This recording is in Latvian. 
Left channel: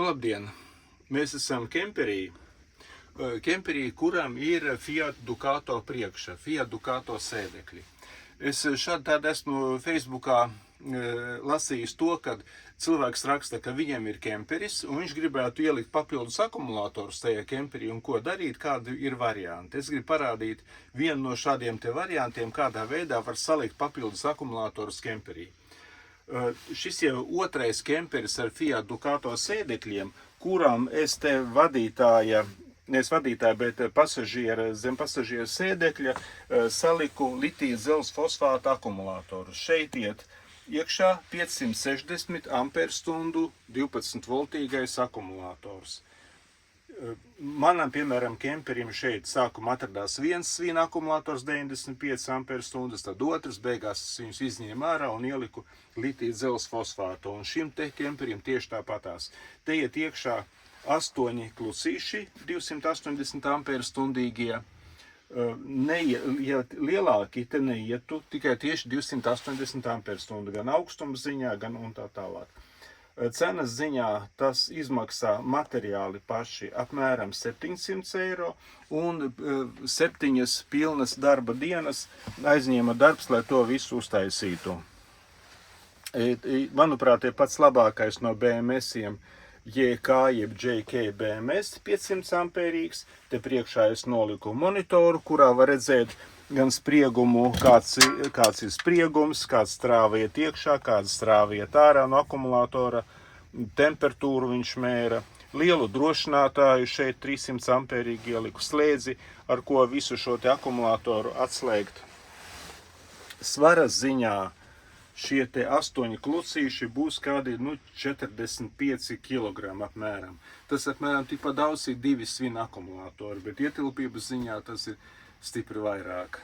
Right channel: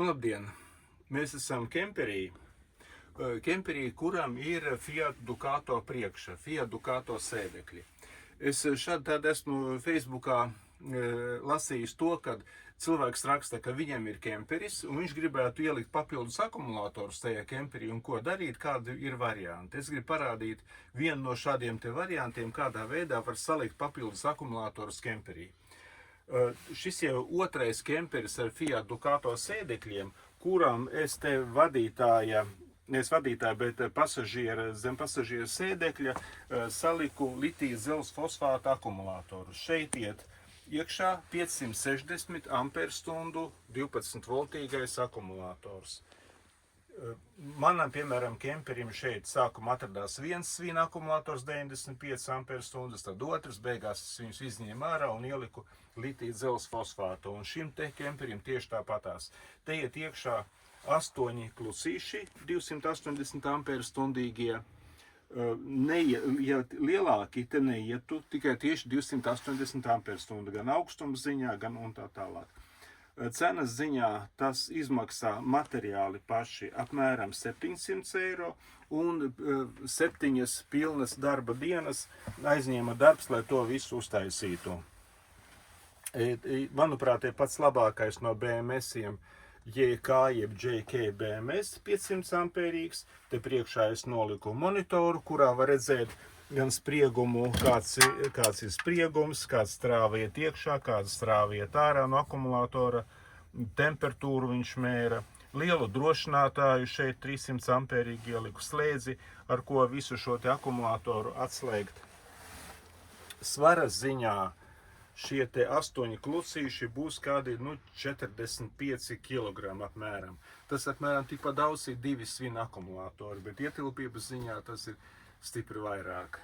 Nu, labdien! Mēs esam kemperī, kuram ir Fiat Ducato priekša, Fiat Ducato sēdekļi. Es šādi tādu esmu Facebookā lasījis to, kad cilvēks raksta, ka viņam ir kemperis, un viņš gribētu ielikt papildus akumulatorus tajā kemperī, un ko darīt, kādi ir varianti. Es gribu parādīt vienu no šādiem te variantiem, kādā veidā var salikt papildus akumulatorus kemperī. Šis jau otrais kemperis ar Fiat Ducato sēdekļiem, kuram es te zem pasažiera sēdekļa saliku litija dzelzs fosfāta akumulatorus. Šeit iet iekšā 560 amperstundu 12 voltīgais akumulators. Manam, piemēram, kemperim šeit sākumā atradās viens svina akumulators 95 amperstundas, tad otrs, beigās es viņus izņēmu ārā un ieliku litija dzelzs fosfātu. Un šim te kemperim tieši tāpatās. Te iet iekšā 8 klusīši 280 amperstundīgie. Ja lielāki te neietu, tikai tieši 280 amperstundu, gan augstuma ziņā, gan un tā tālāk. Cenas ziņā tas izmaksā materiāli paši apmēram 700 eiro, un 7 pilnas darba dienas aizņēma darbs, lai to visu uztaisītu. Manuprāt, ir pats labākais no BMS-iem JK jeb JK BMS 500 amperīgs. Te priekšā es noliku monitoru, kurā var redzēt gan spriegumu, kāds ir spriegums, kāds strāva iet iekšā, kāds strāva iet ārā no akumulatora, temperatūru viņš mēra, lielu drošinātāju šeit 300 amperīgi ieliku slēdzi, ar ko visu šo te akumulatoru atslēgt. Svara ziņā šie te 8 klusīši būs kādi 45 kg apmēram. Tas apmēram tikpat daudz ir 2 svina akumulatori, bet ietilpības ziņā tas ir stipri vairāk.